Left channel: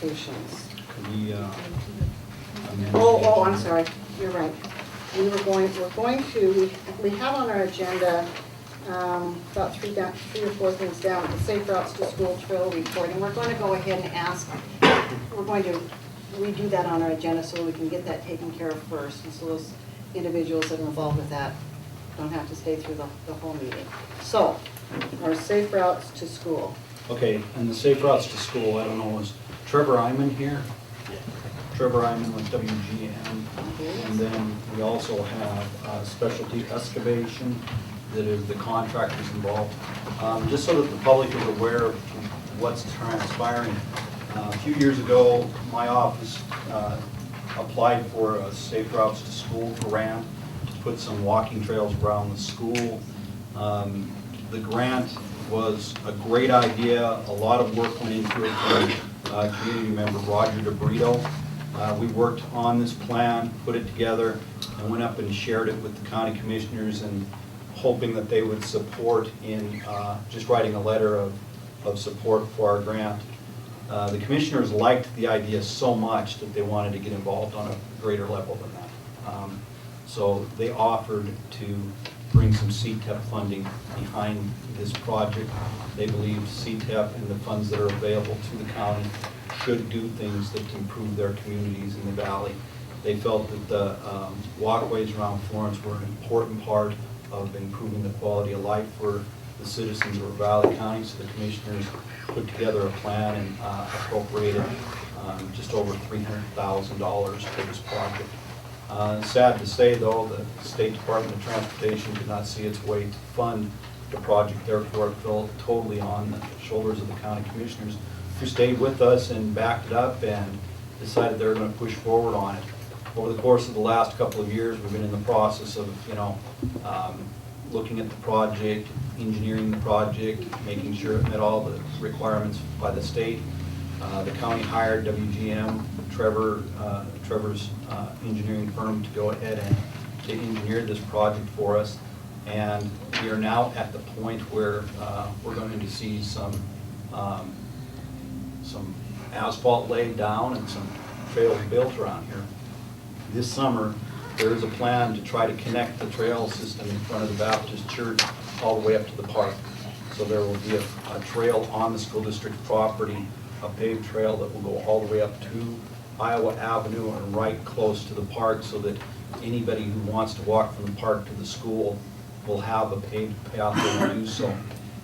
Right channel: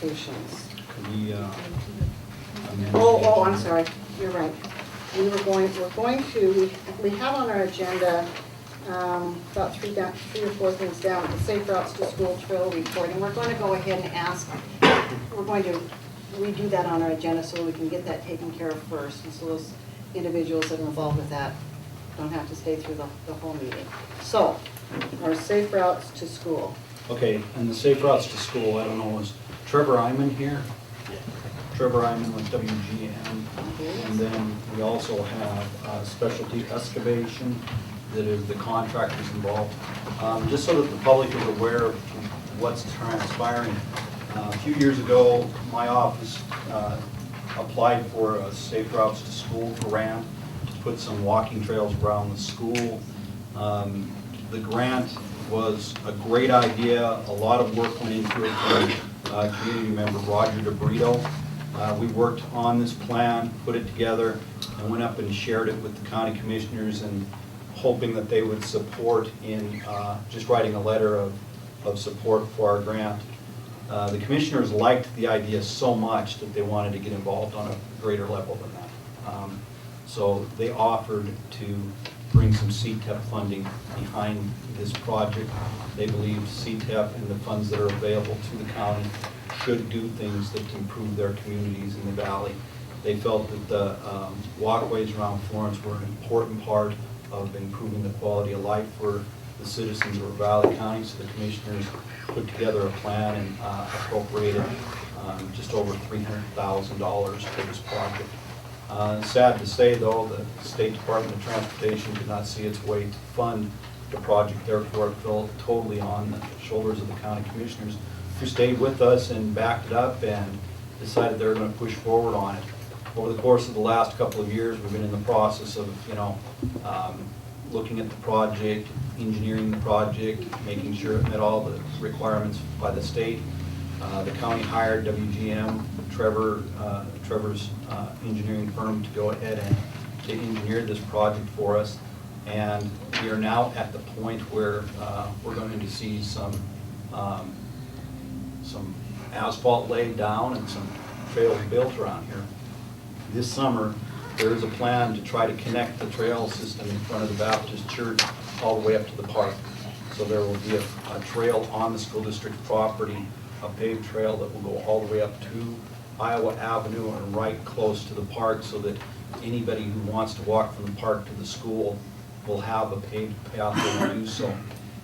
applications. Could we, amend Oh, the- I'm sorry, you're right. We're going to, we have on our agenda about three or four things down, the Safe Routes to School Trail Report, and we're going to go ahead and ask, we're going to redo that on our agenda so we can get that taken care of first, and so those individuals that are involved with that don't have to stay through the whole meeting. So, our Safe Routes to School. Okay, and the Safe Routes to School, I don't know, is Trevor Iman here? Trevor Iman with WGM. And then we also have Specialty Excavation, that is the contractors involved. Just so that the public is aware of what's transpiring. A few years ago, my office applied for a Safe Routes to School grant to put some walking trails around the school. The grant was a great idea. A lot of work went into it from community member Roger DeBrito. We worked on this plan, put it together, and went up and shared it with the county commissioners, and hoping that they would support in just writing a letter of support for our grant. The commissioners liked the idea so much that they wanted to get involved on a greater level than that. So they offered to bring some CTEP funding behind this project. They believe CTEP and the funds that are available to the county should do things that improve their communities in the valley. They felt that the walkways around Florence were an important part of improving the quality of life for the citizens of Ravalli County, so the commissioners put together a plan and appropriated just over $300,000 for this project. Sad to say, though, the State Department of Transportation did not see its way to fund the project, therefore it fell totally on the shoulders of the county commissioners, who stayed with us and backed it up and decided they were going to push forward on it. Over the course of the last couple of years, we've been in the process of, looking at the project, engineering the project, making sure it met all the requirements by the state. The county hired WGM, Trevor's engineering firm, to go ahead and to engineer this project for us. And we are now at the point where we're going to see some asphalt laid down and some trails built around here. This summer, there is a plan to try to connect the trail system in front of the Baptist Church all the way up to the park. So there will be a trail on the school district property, a paved trail that will go all the way up to Iowa Avenue and right close to the park, so that anybody who wants to walk from the park to the school will have a paved pathway to do so.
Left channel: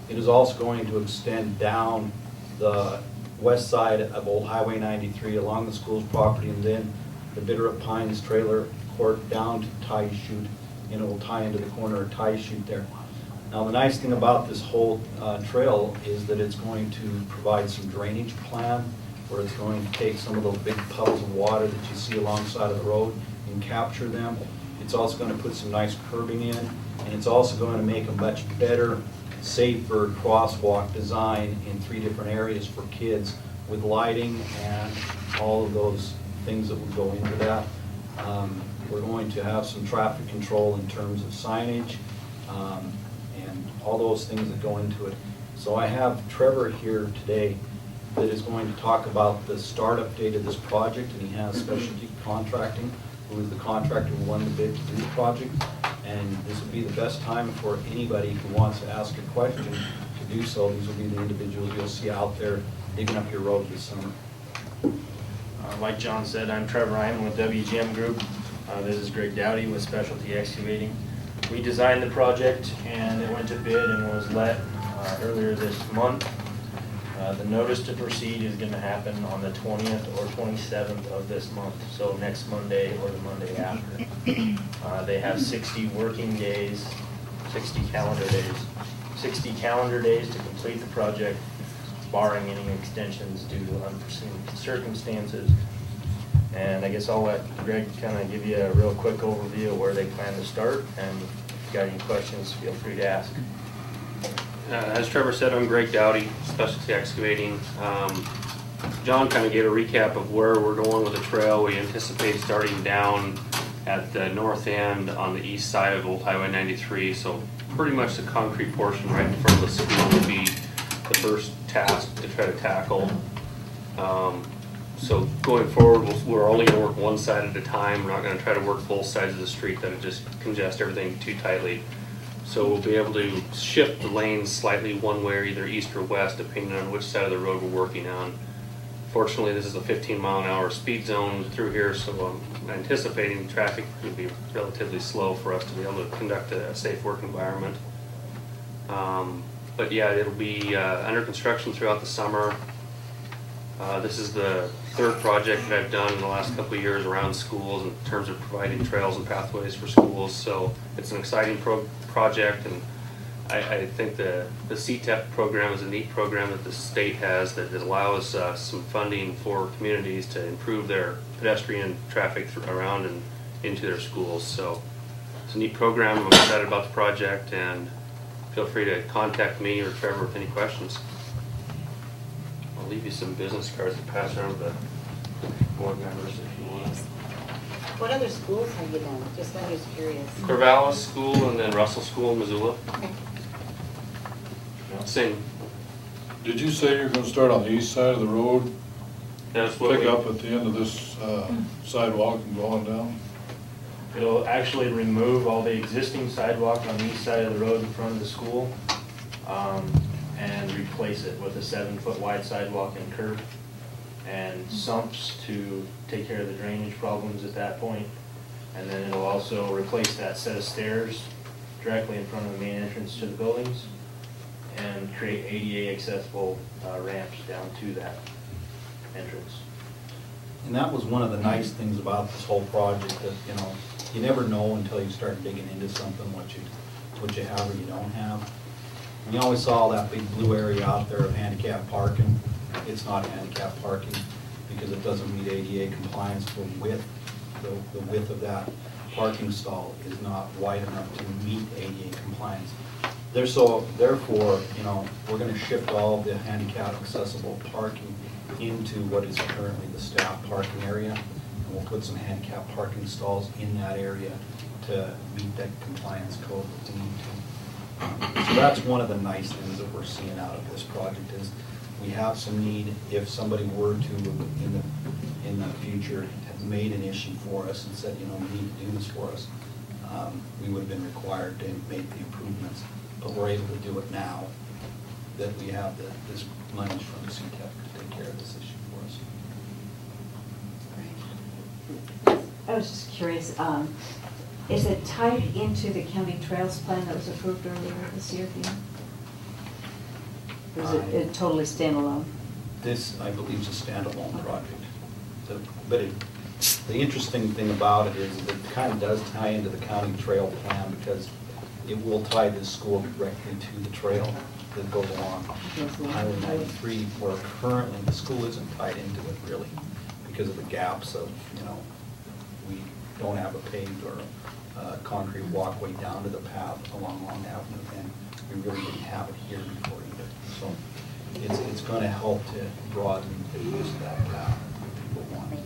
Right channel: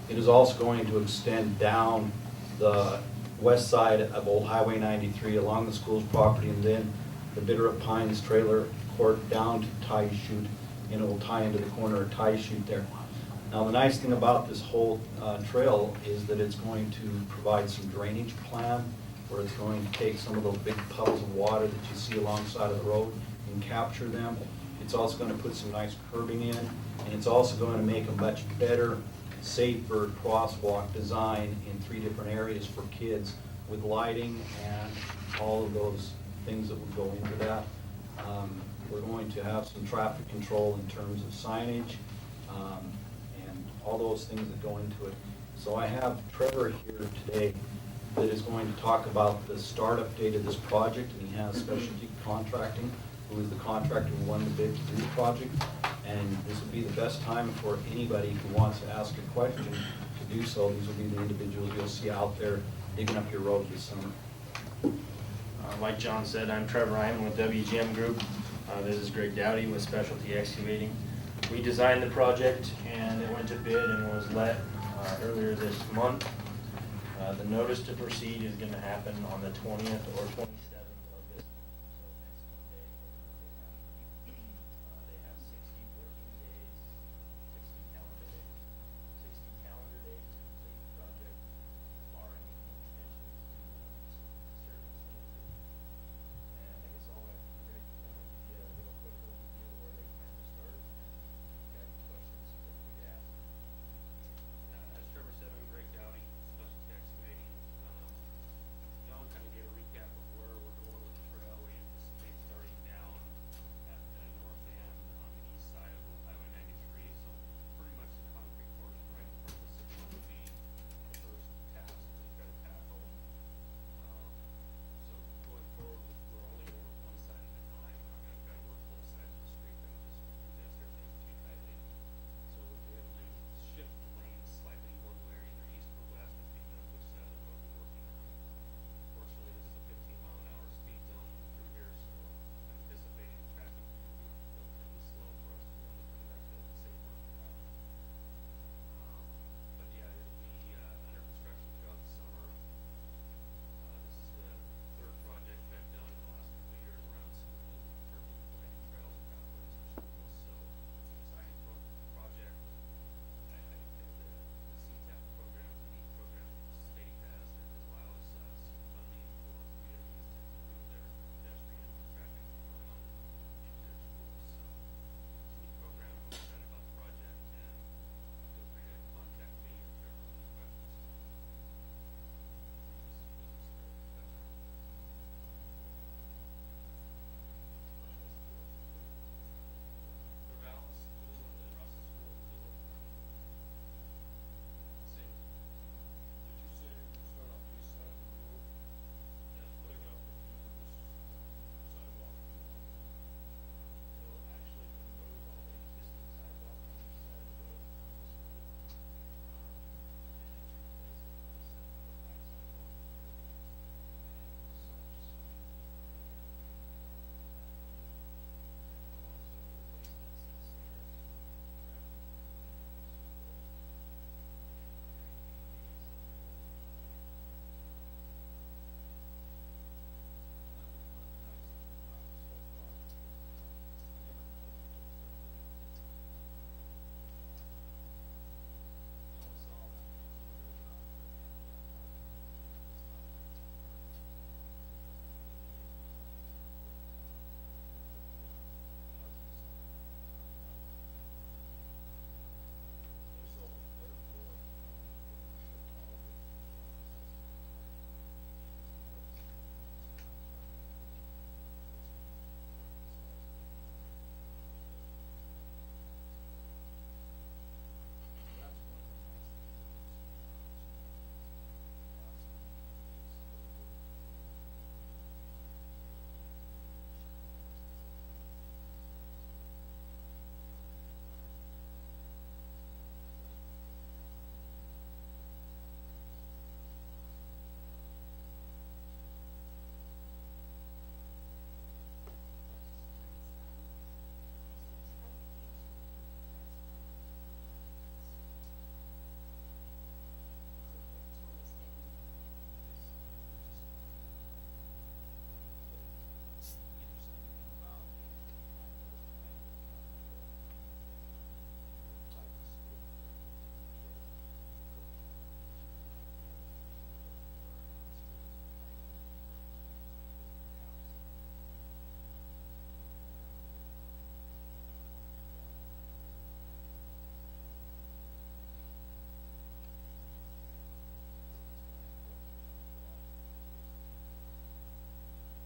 It is also going to extend down the west side of Old Highway 93 along the school's property, and then the Bitterroot Pines trailer court down to Tie Chute, and it will tie into the corner of Tie Chute there. Now, the nice thing about this whole trail is that it's going to provide some drainage plan, where it's going to take some of those big puddles of water that you see alongside of the road and capture them. It's also going to put some nice curbing in, and it's also going to make a much better, safer crosswalk design in 3 different areas for kids, with lighting and all of those things that will go into that. We're going to have some traffic control in terms of signage and all those things that go into it. So I have Trevor here today that is going to talk about the startup date of this project, and he has Specialty Contracting, who is the contractor who won the bid to do the project. And this would be the best time for anybody who wants to ask a question to do so. These will be the individuals you'll see out there digging up your road this summer. Like John said, I'm Trevor Iman with WGM Group. This is Greg Dowdy with Specialty Excavating. We designed the project and it went to bid and was let earlier this month. The notice to proceed is going to happen on the 20th or 27th of this month, so next Monday or the Monday after. They have 60 working days, 60 calendar days to complete the project, barring any extensions due to unforeseen circumstances. And I guess I'll let Greg kind of give you a real quick overview of where they plan to start, and if you've got any questions, feel free to ask. As Trevor said, I'm Greg Dowdy, Specialty Excavating. John kind of gave a recap of where we're going with the trail. We anticipate starting down at the north end on the east side of Old Highway 93, so pretty much the concrete portion right in front of the school will be the first task to try to tackle. So going forward, we're only gonna work one side at a time. We're not gonna try to work both sides of the street. That would just congest everything too tightly. So we'll be able to shift the lanes slightly one way, or either east or west, depending on which side of the road we're working on. Fortunately, this is a 15-mile-an-hour speed zone through here, so I'm anticipating traffic will be relatively slow for us to be able to conduct a safe work environment. But yeah, it'll be under construction throughout the summer. This is the third project that I've done in the last couple of years around schools in terms of providing trails and pathways for schools. So it's an exciting project, and I think the CTEP program is a neat program that the state has that allows some funding for communities to improve their pedestrian traffic around and into their schools. So it's a neat program. I'm excited about the project, and feel free to contact me or Trevor with any questions. I'll leave you some business cards to pass around to the board members if you want. What other schools have you done? Just I'm just curious. Ravalli School and then Russell School in Missoula. Okay. Same. Did you say you're gonna start on the east side of the road, That's what pick up at the end of this sidewalk and go on down? It'll actually remove all the existing sidewalk on the east side of the road in front of the school, and replace it with a 7-foot wide sidewalk and curb, and sumps to take care of the drainage problems at that point. And then it'll also replace that set of stairs directly in front of the main entrance to the buildings, and create ADA accessible ramps down to that entrance. And that was one of the nice things about this whole project, that, you never know until you start digging into something what you have or you don't have. And you always saw that big blue area out there of handicap parking. It's not handicap parking because it doesn't meet ADA compliance for width. The width of that parking stall is not wide enough to meet ADA compliance. Therefore, we're gonna shift all the handicap accessible parking into what is currently the staff parking area. And we'll put some handicap parking stalls in that area to meet that compliance code that we need to. So that's one of the nice things that we're seeing out of this project is we have some need. If somebody were to, in the future, have made an issue for us and said, we need to do this for us, we would have been required to make the improvements. But we're able to do it now that we have this money from the CTEP to take care of this issue for us. I was just curious, is it tied into the county trails plan that was approved earlier this year? Or is it totally standalone? This, I believe, is a standalone project. But the interesting thing about it is that it kind of does tie into the county trail plan because it will tie this school directly to the trail that goes along Highway 93, where currently the school isn't tied into it really because of the gaps of, we don't have a paved or concrete walkway down to the path along Long Avenue, and we really didn't have it here before either. So it's going to help to broaden the use of that path if people want it.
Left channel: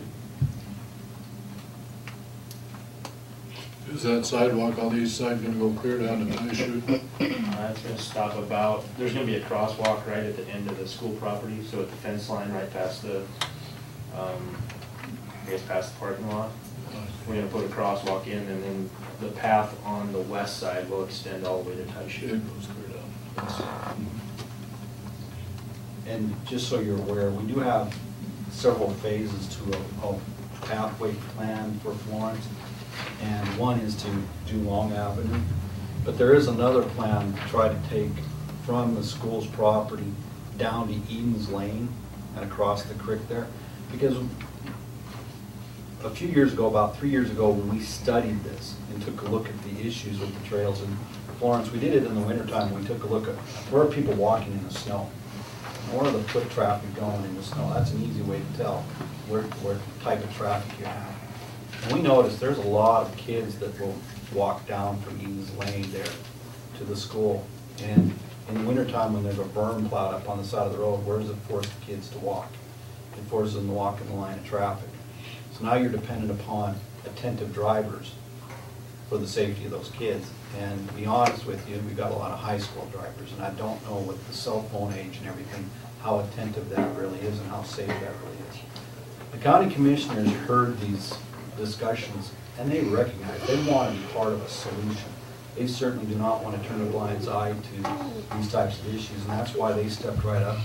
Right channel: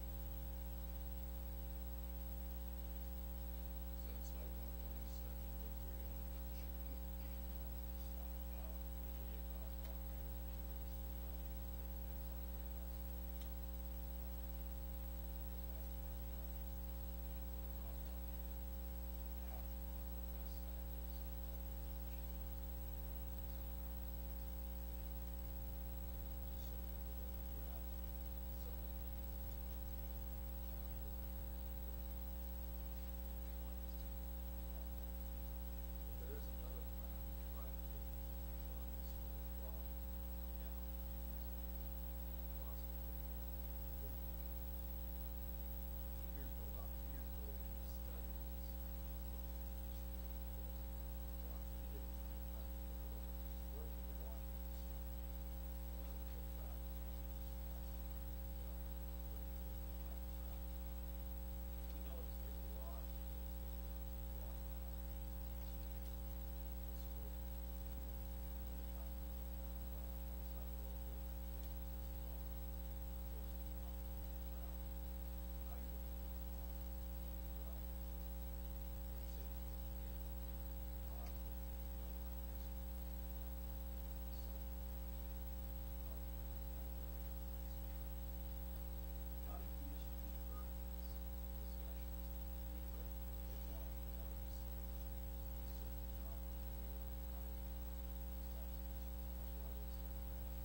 Is that sidewalk on the east side gonna go clear down to Nice Chute? It's gonna stop there's gonna be a crosswalk right at the end of the school property, so at the fence line right past the, past the parking lot. We're gonna put a crosswalk in, and then the path on the west side will extend all the way to Nice It Chute. goes clear down. And just so you're aware, we do have several phases to a pathway plan for Florence. And one is to do Long Avenue. But there is another plan to try to take from the school's property down to Eden's Lane and across the creek there. Because a few years ago, about 3 years ago, when we studied this and took a look at the issues with the trails in Florence, we did it in the wintertime. We took a look at where are people walking in the snow? Where are the foot traffic going in the snow? That's an easy way to tell where type of traffic you have. And we noticed there's a lot of kids that will walk down from Eden's Lane there to the school. And in the wintertime, when there's a berm plowed up on the side of the road, where does it force the kids to walk? It forces them to walk in the line of traffic. So now you're dependent upon attentive drivers for the safety of those kids. And to be honest with you, we've got a lot of high school drivers, and I don't know with the cell phone age and everything, how attentive that really is and how safe that really is. county commissioners heard these discussions, and they recognize, they want to be part of a solution. They certainly do not want to turn a blind eye to these types of issues, and that's why they stepped right up.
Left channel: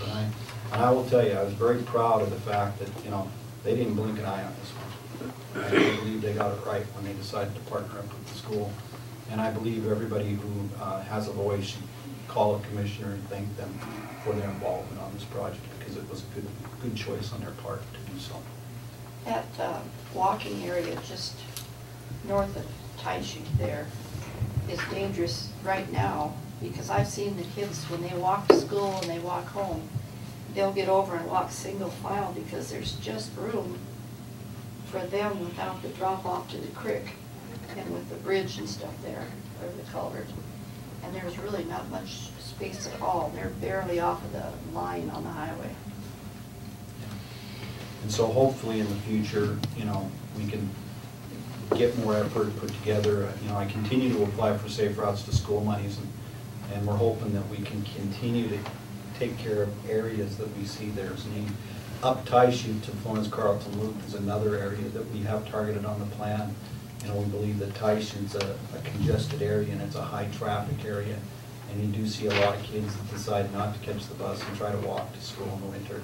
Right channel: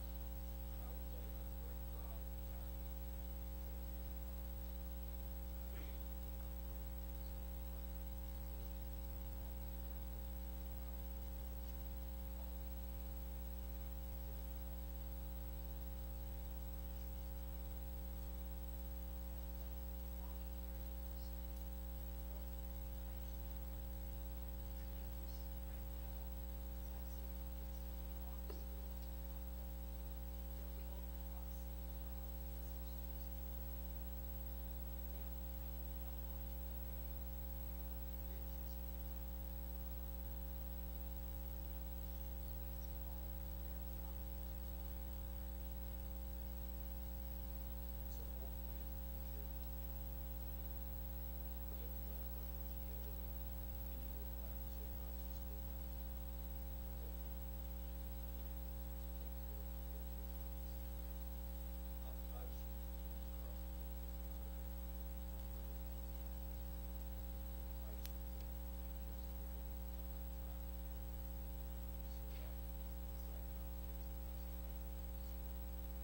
And I will tell you, I was very proud of the fact that, you know, they didn't blink an eye on this one. I believe they got it right when they decided to partner up with the school. And I believe everybody who has a voice should call a commissioner and thank them for their involvement on this project, because it was a good choice on their part to do so. That walking area just north of Taishi there is dangerous right now, because I've seen the kids when they walk to school and they walk home, they'll get over and walk single file because there's just room for them without the drop off to the creek and with the bridge and stuff there, or the culvert. And there's really not much space at all. They're barely off of the line on the highway. And so hopefully in the future, you know, we can get more effort put together. You know, I continue to apply for Safe Routes to School monies, and we're hoping that we can continue to take care of areas that we see there's need. Up Taishi to Florence Carlton Loop is another area that we have targeted on the plan. You know, we believe that Taishi's a congested area and it's a high traffic area. And you do see a lot of kids that decide not to catch the bus and try to walk to school in the winter.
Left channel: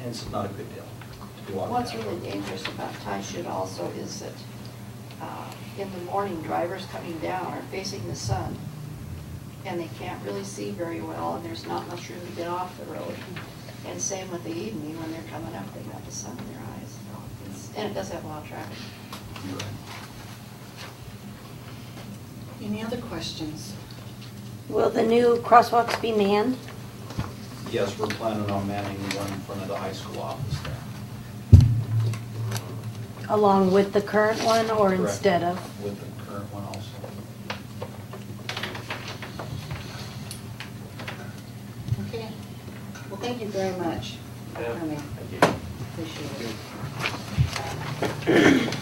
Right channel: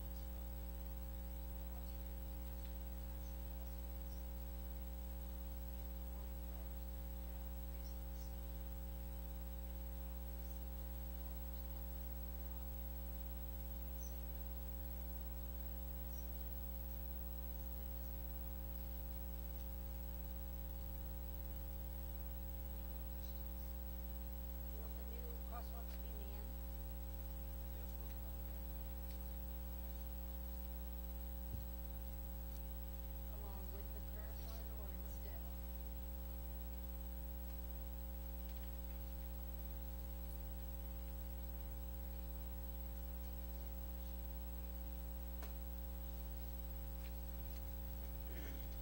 And it's not a good deal to be walking. What's that really road. dangerous about Taishi also is that in the morning, drivers coming down are facing the sun, and they can't really see very well, and there's not much room to get off the road. And same with the evening, when they're coming up, they got the sun in their eyes. And it does have a lot of traffic. You're right. Any other questions? Will the new crosswalks be manned? Yes, we're planning on manning the one in front of the high school office there. Along with the current one or Correct. instead of? With the current one also. Okay. Well, thank you very much for Yeah, coming. thank you. Appreciate it.